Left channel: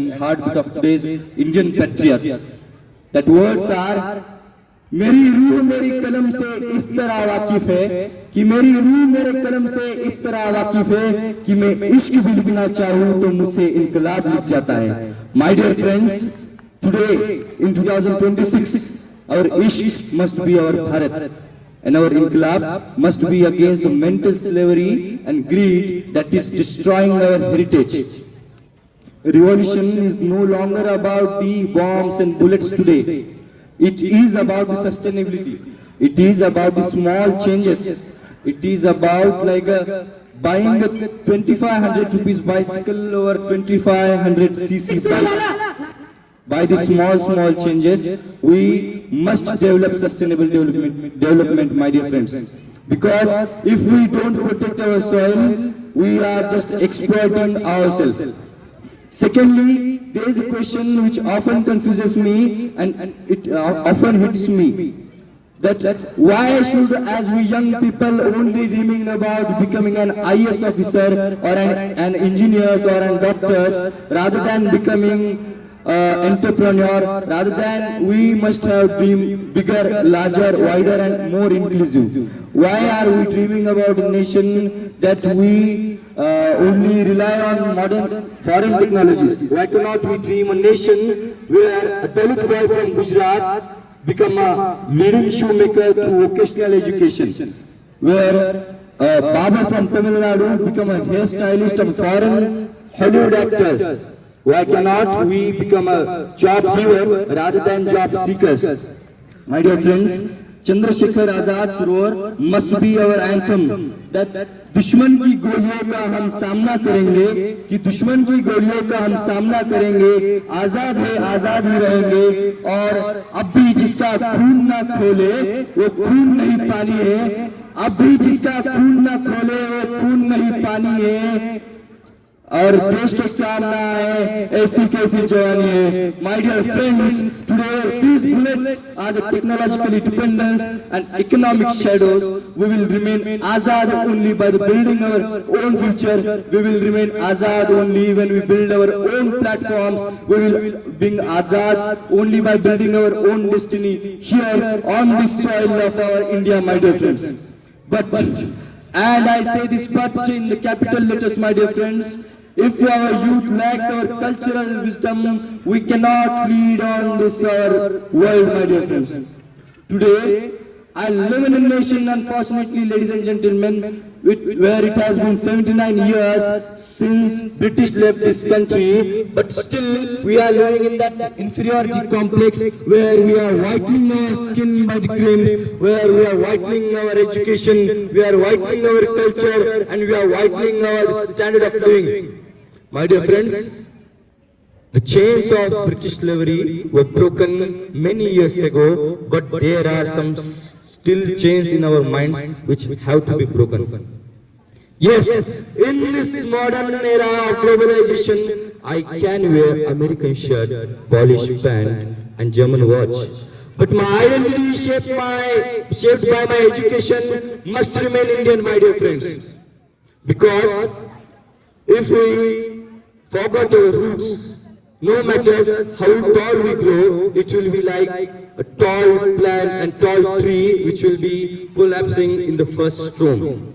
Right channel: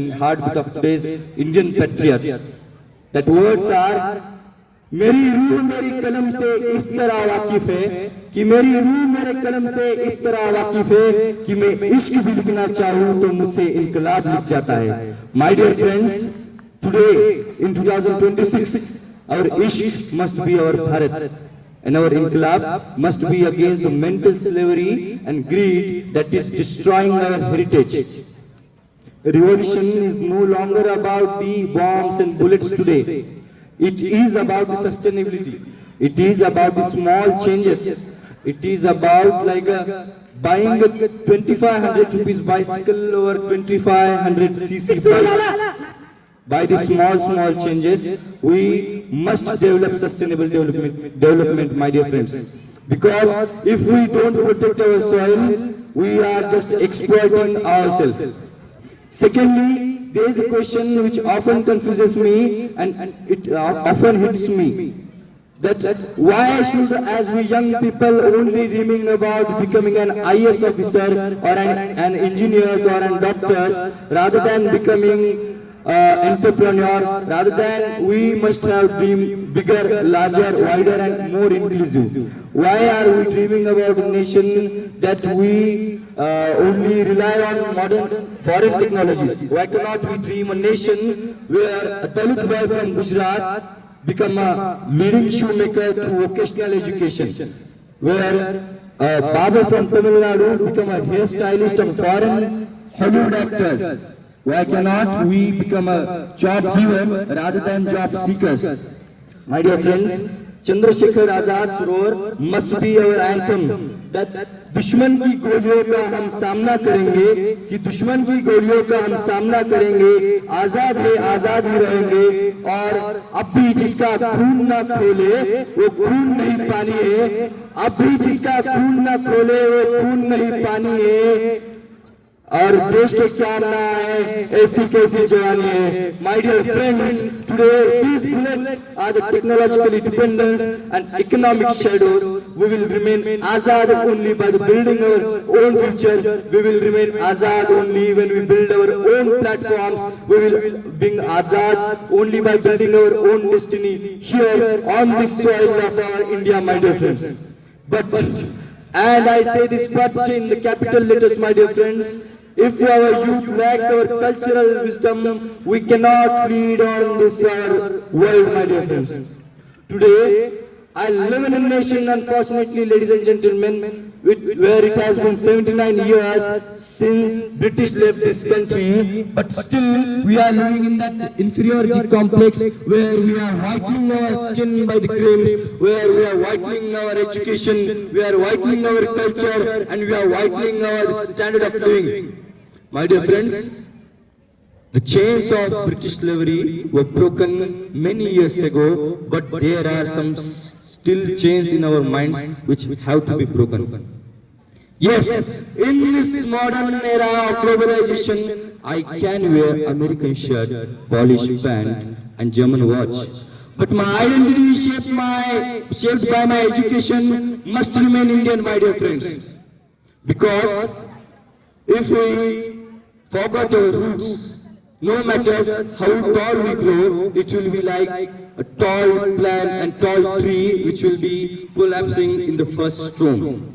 and heartbeat of today's Indian patriot. That words are, मेरी रूह मेरी कलम से इस तरह वाकिफ है कि मेरी रूह मेरे कलम से इस तरह वाकिफ है कि मैं इश्क भी लिखना चाहूँ तो मुझसे इनकलाब लिख जाता है. My dear friends, today in 2026, our ishq must be our Bharat, and our inqilab must be against the mental slavery and greed that is destroying our heritage. Revolution is no longer about the bombs and bullets today. It is about the sustainability. It is about the small changes. It is about buying a 2500 rupees bicycle or 2500 cc bike. By the small changes, we must develop sustainable development, my dear friends. Because if we don't protect our soil, we are just exploiting ourselves. Secondly, there is a question which often confuses me and it often hits me. That why should, as we young people, only dreaming about becoming an IAS officer or an engineers or an doctors, rather than becoming entrepreneur, rather than we must have dream bigger, larger, wider and more inclusive. Why are we dreaming about a nation that we only rely on modern foreign technologies? Why cannot we dream a nation where a Dalit boy from Gujarat become a leading shoemaker through vocational education, where a barber from Tamil Nadu become a hairstylist of foreign Hollywood actors? Why cannot we become a job giver rather than job seekers? My dear friends, Chandrasekhar Azad Surovar must be our anthem. That दुश्मन की गोलियों का हम सामना करेंगे, कि दुश्मन की गोलियों का हम सामना करेंगे, आजाद है आजाद ही रहेंगे, और अब भी जिसका खून ना खोले वो खून नहीं पानी है, अब भी जिसका खून ना खोले वो खून नहीं पानी है, और देश के काम ना आए ऐसी कैसी जवानी है. My dear friends, today these bullets are the technological independence and economic shadows. We will remain azad only by the building our own future. We will remain azad only when we build our own platforms. We will be azad only by building our own destiny here on this soil of our India, my dear friends. But, and I say this but in the capital letters, my dear friends, if our youth lacks our cultural wisdom, we cannot lead on this our world, my dear friends. Today, I live in a nation, unfortunately, ladies and gentlemen, where it has been 79 years since British left this country, but still we are living in that inferiority complex where we are whitening our skin by the crimes, where we are whitening our education, we are whitening our culture, and we are whitening our standard of living. My dear friends, the chains of British slavery were broken many years ago, but there are some still chains in our minds which have to be broken. Yes, in this modern era of globalization, I can wear American shirt, polished pant and German watch. But my identity shaped by my education must remain Indian, my dear friends. Because if we forgot our roots, no matter how tall we grow, it will be like a tall plant and tall tree which will be collapsing in the first storm.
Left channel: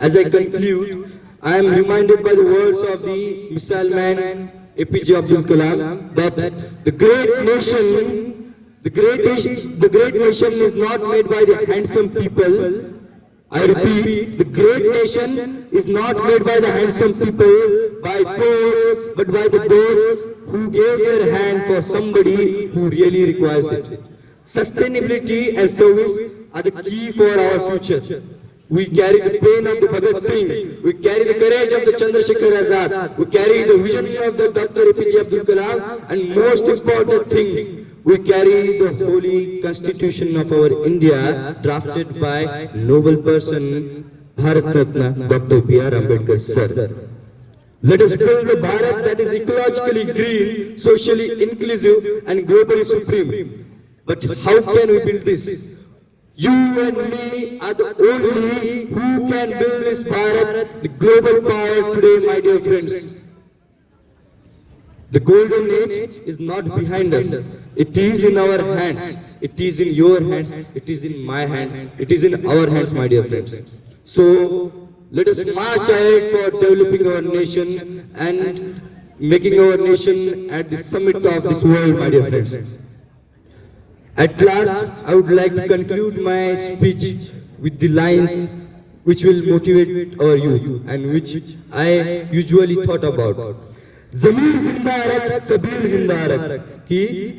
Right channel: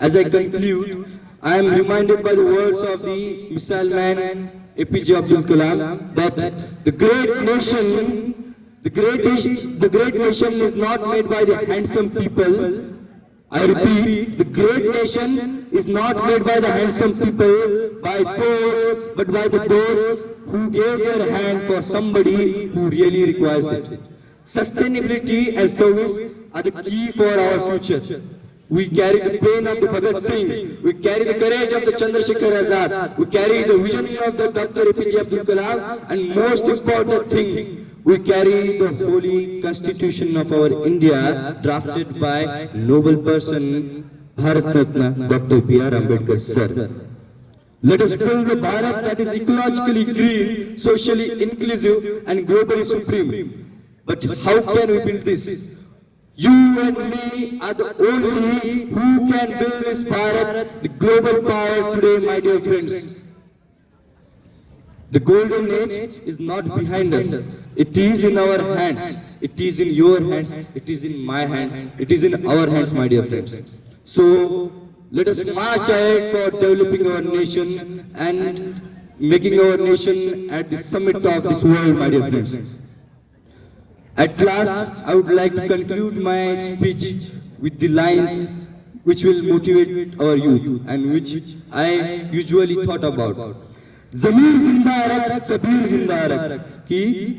As I conclude, I am reminded by the words of the missile man APJ Abdul Kalam that the great nation is not made by the handsome people. I repeat, the great nation is not made by the handsome people, but by those who gave their hand for somebody who really requires it. Sustainability and service are the key for our future. We carry the pain of the Bhagat Singh, we carry the courage of the Chandrasekhar Azad, we carry the vision of the Dr. APJ Abdul Kalam, and most important thing, we carry the holy constitution of our India, drafted by noble person, Bharat Ratna, Dr. B.R. Ambedkar sir. Let us build a Bharat that is ecologically green, socially inclusive and globally supreme. But how can we build this? You and me are the only who can build this Bharat, the global power today, my dear friends. The golden age is not behind us. It is in our hands. It is in your hands. It is in my hands. It is in our hands, my dear friends. So let us march ahead for developing our nation and making our nation at the summit of this world, my dear friends. At last, I would like to conclude my speech with the lines which will motivate our youth and which I usually thought about. ज़मीर जिंदा रख कबीर जिंदा रख कि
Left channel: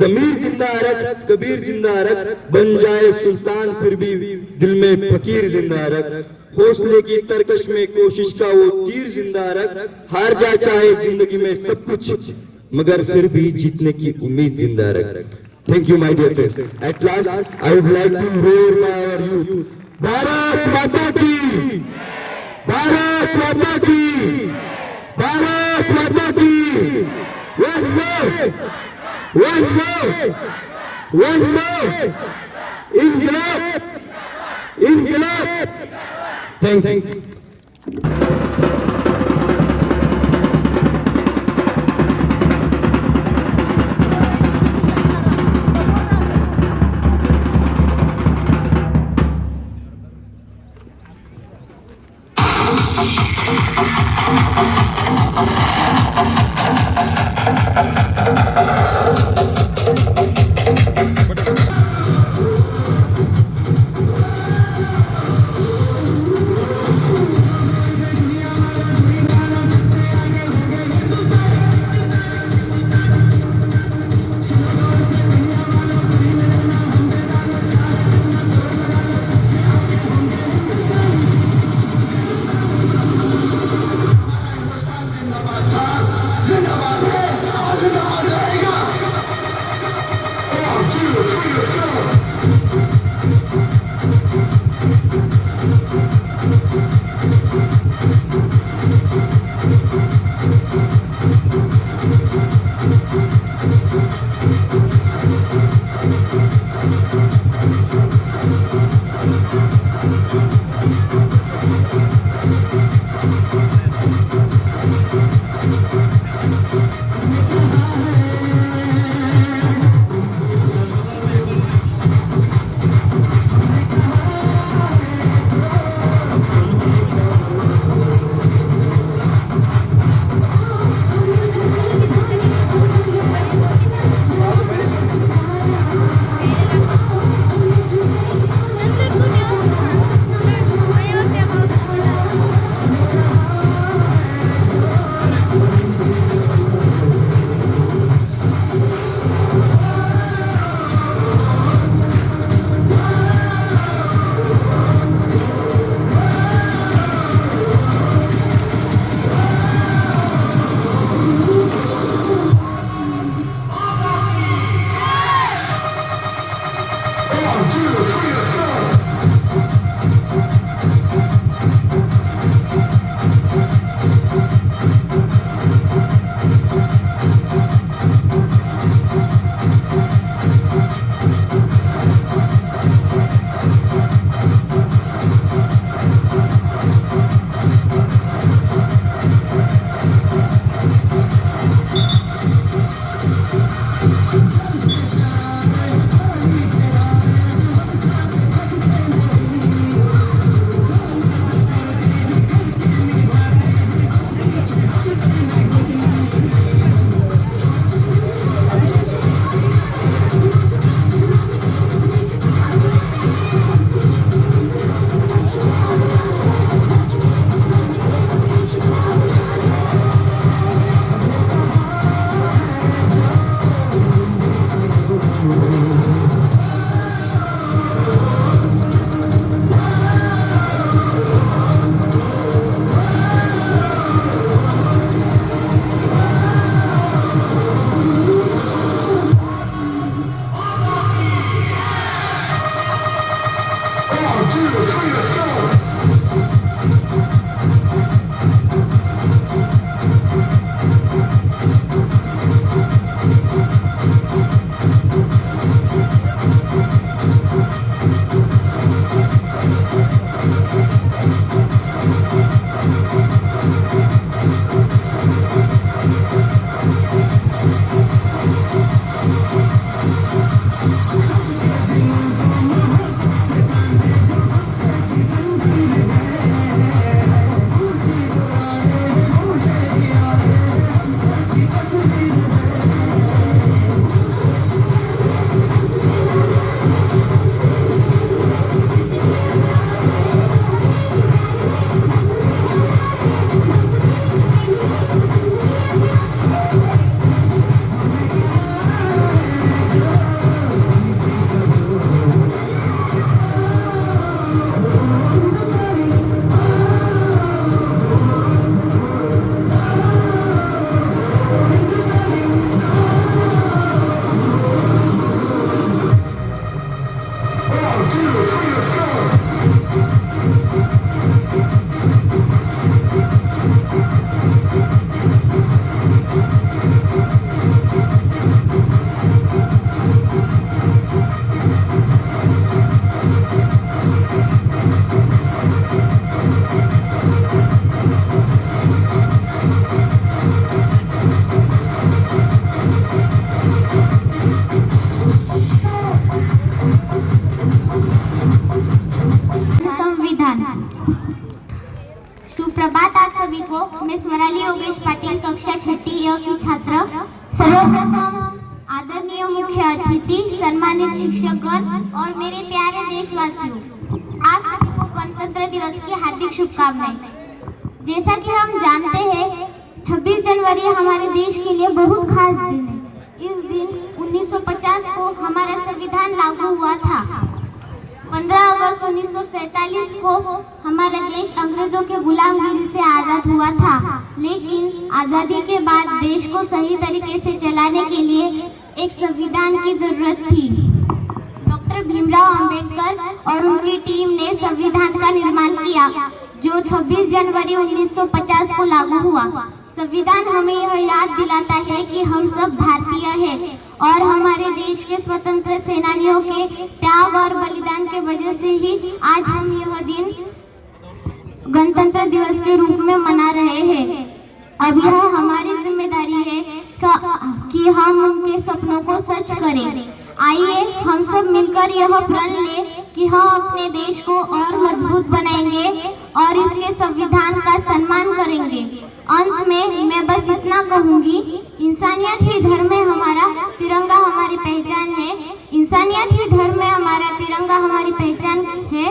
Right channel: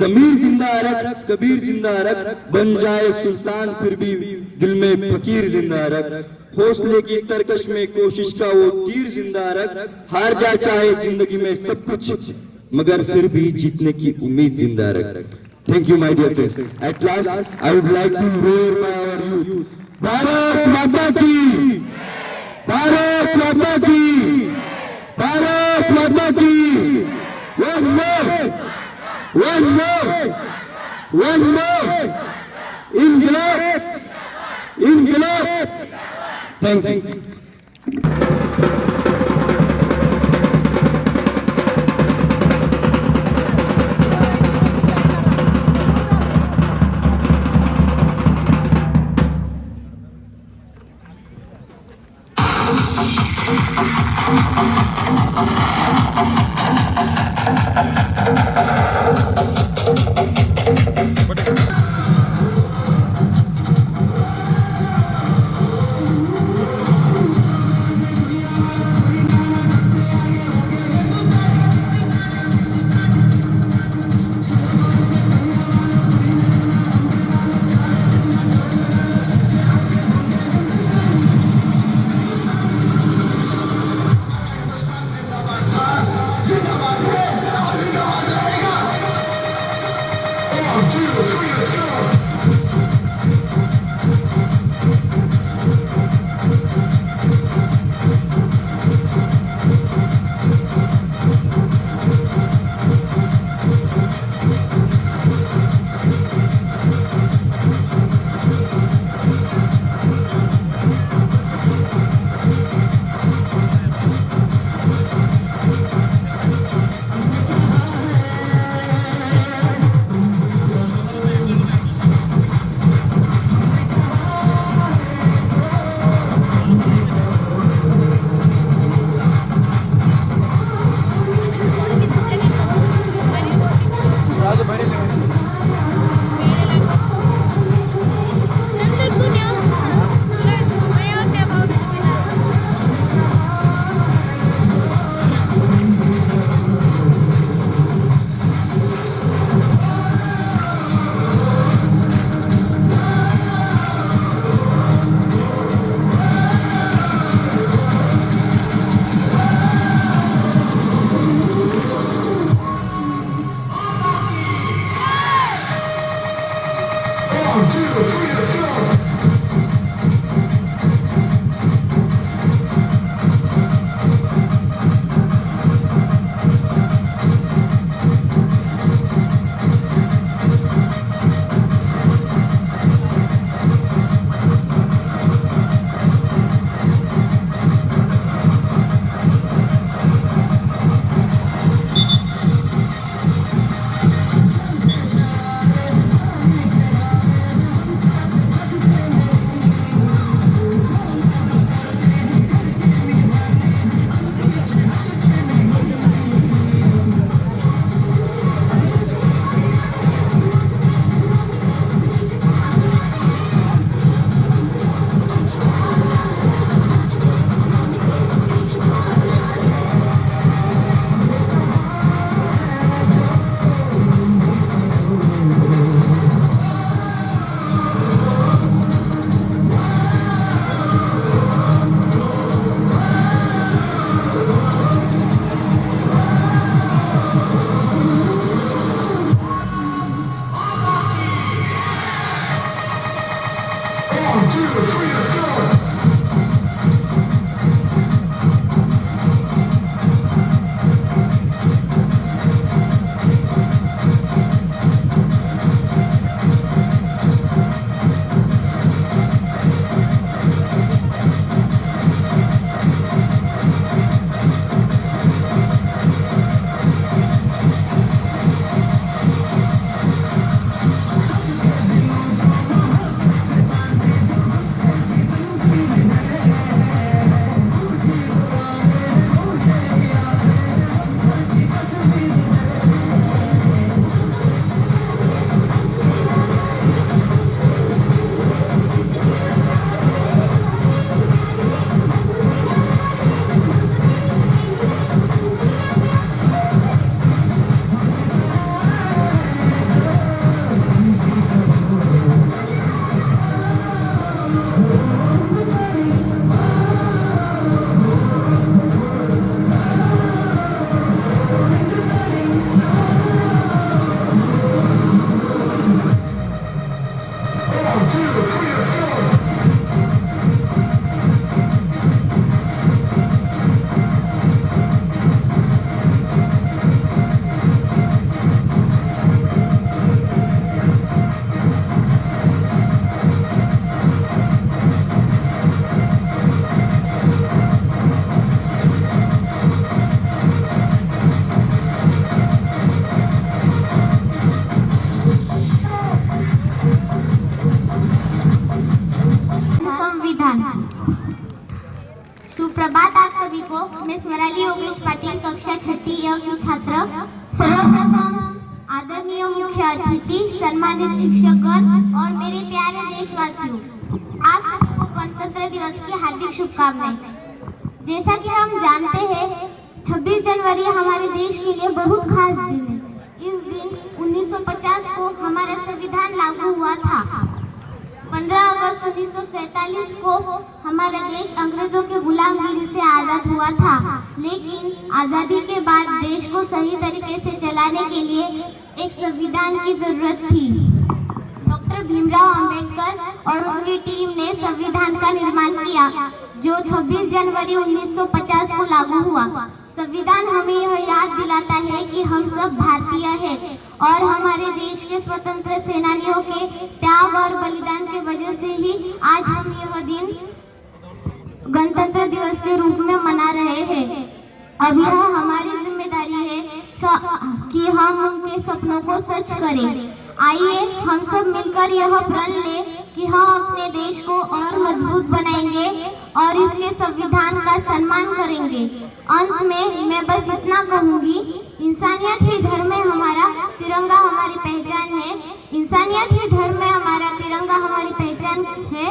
ज़मीर जिंदा रख कबीर जिंदा रख बन जाए सुल्तान फिर भी दिल में फकीर जिंदा रख हौसले की तरकश में कोशिश का वो तीर जिंदा रख हार जा चाहे जिंदगी में सब कुछ मगर फिर भी जीतने की उम्मीद जिंदा रख. Thank you, my dear friends. At last, I would like to roar by our youth. Bharat Mata ki! Bharat Mata ki! Bharat Mata ki! One more! One more! One more! Inqilab! Inqilab! Thank you. Swarali Yogesh Patil, कक्षा 6 की छात्र। सर्वप्रथम आदरणीय मुख्य अतिथि, सम्मानित शिक्षकगण और मेरे प्यारे देशवासियों, आप सभी को गणतंत्र दिवस की हार्दिक शुभकामनाएं। जैसा कि हम जानते हैं, 26 जनवरी हमारे देश के लिए बहुत खास दिन है। इस दिन 1950 को हमारा संविधान लागू हुआ था। 15 अगस्त 1947 को हमारा देश अंग्रेजों के गुलामगिरी से आज़ाद हुआ था, लेकिन आज़ादी के बाद देश को सही तरीके से चलाने के लिए एक संविधान की जरूरत थी। डॉक्टर भीमराव अंबेडकर और उनकी टीम ने संविधान का निर्माण किया, जो 26 जनवरी 1950 को लागू हुआ। संविधान हमें यह याद दिलाता है कि हम सब भारतीय हैं और हमारे देश के स्वतंत्र सेनानियों के त्याग और बलिदान के वजह से ही आज हम यह दिन गणतंत्र दिवस के रूप में मना रहे हैं। अब यह हमारी जिम्मेदारी है कि हम उनके सपनों को सच करें। आइए हम सब मिलकर यह प्रण लें कि हम अपने देश को और मजबूत बनाएंगे और इसके संविधान का सम्मान करेंगे। अंत में मैं बस इतना कहूंगी, इंसानियत ही धर्म है हमारा, तिरंगा हमारी पहचान है। इंसानियत ही धर्म है हमारा, तिरंगा हमारी पहचान है।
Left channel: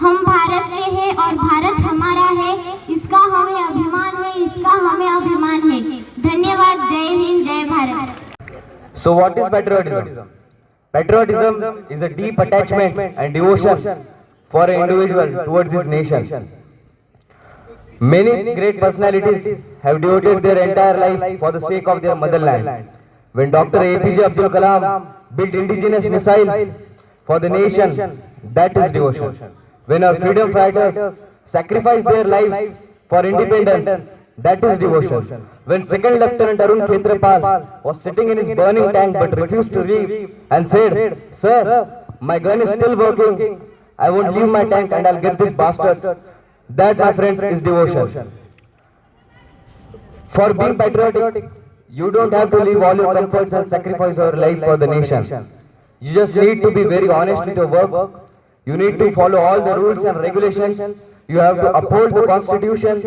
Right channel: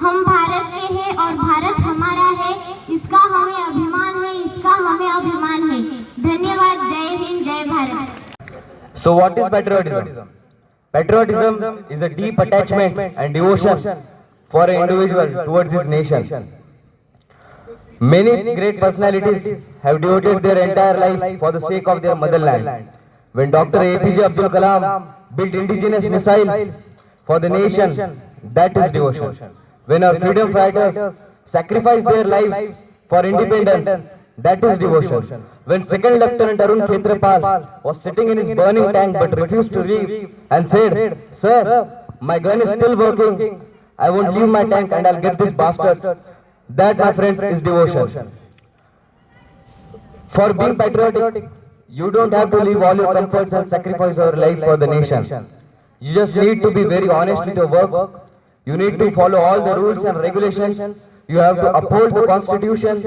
हम भारत के हैं और भारत हमारा है, इसका हमें अभिमान है, इसका हमें अभिमान है। धन्यवाद। जय हिंद, जय Bharat. So what is patriotism? Patriotism is a deep attachment and devotion for an individual towards his nation. Many great personalities have devoted their entire life for the sake of their motherland. When Dr. APJ Abdul Kalam built indigenous missiles for the nation, that is devotion. When our freedom fighters sacrificed their lives for independence, that is devotion. When Second Lieutenant Arun Khetrapal was sitting in his burning tank but refused to leave and said, "Sir, my gun is still working. I won't leave my tank and I'll get these bastards." That, my friends, is devotion. For being patriotic, you don't have to leave all your comforts and sacrifice your life for the nation. You just need to be very honest with your work. You need to follow all the rules and regulations. You have to uphold the constitution.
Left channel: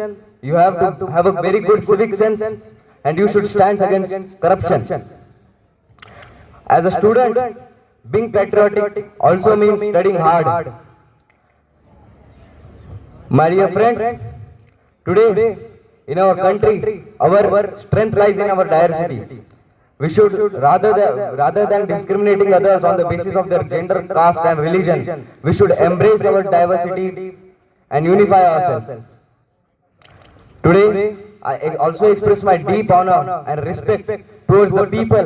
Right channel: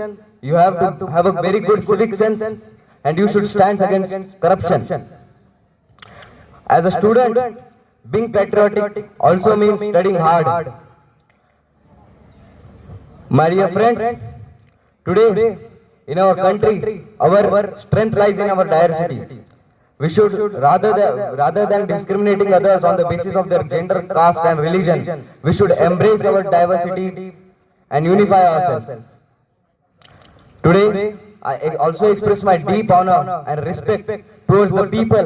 You have to have a very good civic sense, and you should stand against corruption. As a student, being patriotic also means studying hard. My dear friends, today in our country, our strength lies in our diversity. We should, rather than discriminating others on the basis of their gender, caste and religion, we should embrace our diversity and unify ourselves. Today, I also express my deep honor and respect towards the people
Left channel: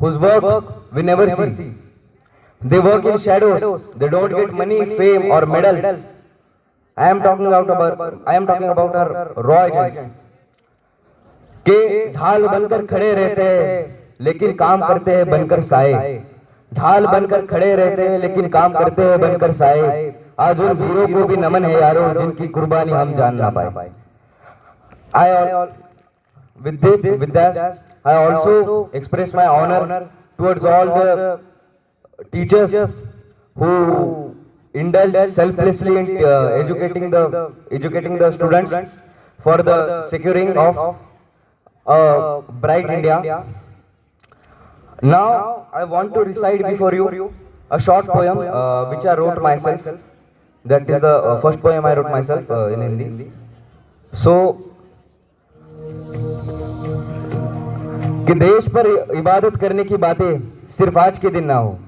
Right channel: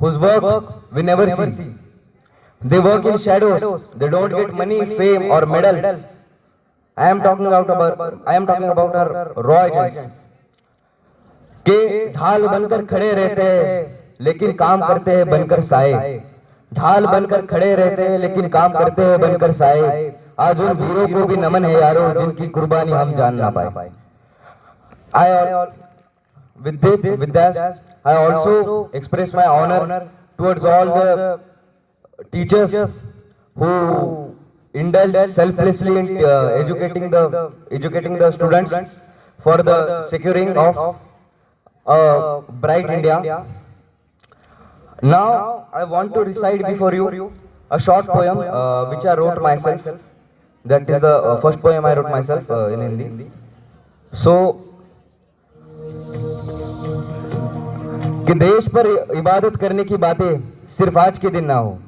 whose work we never see. They work in shadows. They don't get money, fame or medals. I am talking about our raw agents. के ढाल बनकर खड़े रहते हैं लेकिन काम करते हैं बनकर साए। ढाल बनकर खड़े रहते हैं लेकिन काम करते हैं बनकर साए। आज उन वीरों को भी नमन है यारों, जिनकी कुर्बानी हम जान ना पाए। With that, I also express my honor towards all the teachers who indulge selflessly in educating the students for the securing of a bright India. Now, I want to recite before you a short poem which I wrote myself. That is the first poem I wrote myself in Hindi. So, कि देश पर इबादत करने की बातें सिर्फ आज के दिन ना हो,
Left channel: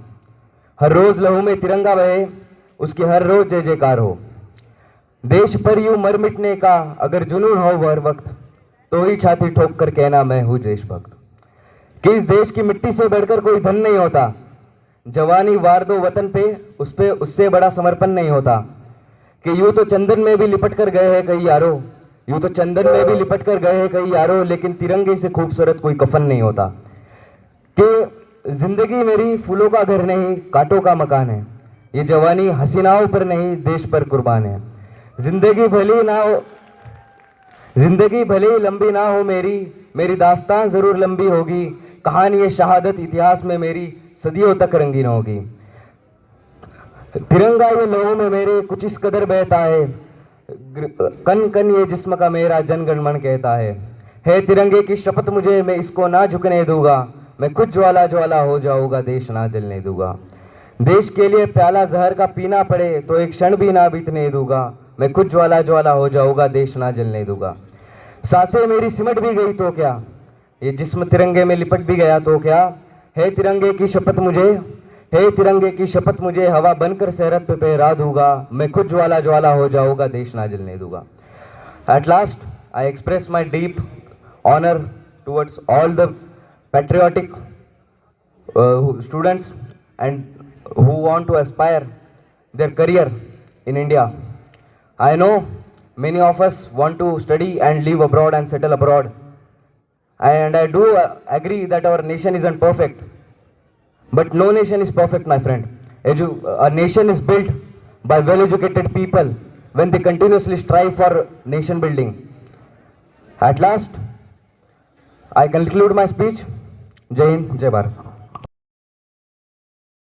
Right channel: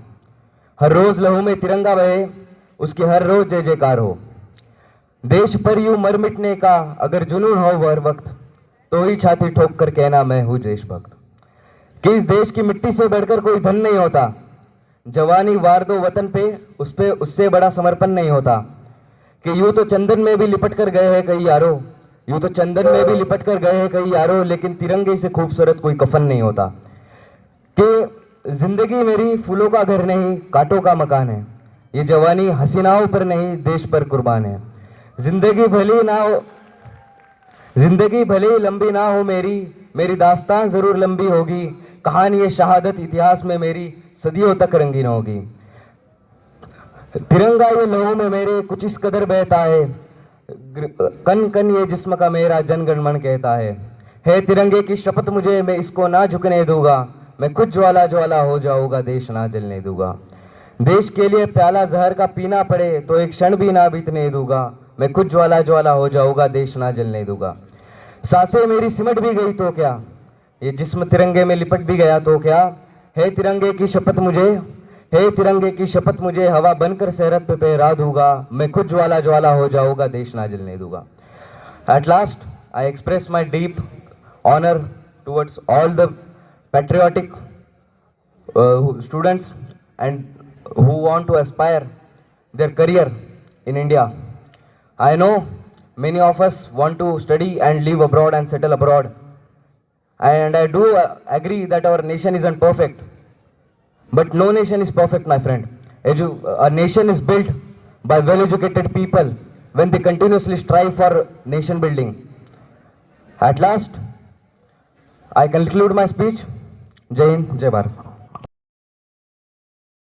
हर रोज लहू में तिरंगा बहे, उसकी हर रोज जय जयकार हो। देश पर यूं मर मिटने का अगर जुनून हो हर वक्त, तो ही छाती ठोक कर कहना मैं हूँ देशभक्त। कि इस देश की मिट्टी से बढ़कर कोई धन नहीं होता, जवानी वार दो वतन पे उससे बड़ा समर्पण नहीं होता। कि यूं तो चंदन में भी लिपट कर गए हैं कई यारों, यूं तो चंदन में भी लिपट कर गए हैं कई यारों, लेकिन तिरंगे से खूबसूरत कोई कफन नहीं होता। कि जिंदगी मेरी फूलों का घर नहीं कांटों का मकान है, ये जवानी हसीनाओं पर नहीं देश पर कुर्बान है। जिंदगी भले ही लंबी ना हो मेरी दास्तान जरूर लंबी होगी, कहानी ये शहादत इतिहास में मेरी सदियों तक रंगीन होगी। तिरंगा ये लोगों में मेरे कुछ इस कदर बहता है, कन कन ये जिस्म का मेरा जनगण मन कहता है तिरंगे की शपथ मुझे, मैं इसको ना झुकने दूंगा, मैं खुद ज्वाला ज्वाला हो जाऊंगा, देश ना जलने दूंगा। देश के लिए प्याला जहर का पीना पड़े तो एक क्षण भी ना बीतने दूंगा, मैं खुद ज्वाला ज्वाला हो जाऊंगा, देश ना जलने दूंगा। सांसें मेरी सिमट भी गई तो क्या, ये जिस्म तिरंगे में लिपट भी गया तो क्या, है तिरंगे की शपथ मुझे, है तिरंगे की शपथ मुझे, हवा बनकर सरहद पे फहरा दूंगा, मैं खुद ज्वाला ज्वाला हो जाऊंगा, देश ना जलने दूंगा। At last, I express my deep honor towards all the patriotic students and who want to aspire their career in India. I know many of us want to study and live abroad and settle abroad. And I do agree that our nation isn't perfect. But no nation is perfect, my friend. A nation is built by well-educated people when they continuously strive for nation building. At last, I conclude my speech. Jai Hind, Jai Bharat.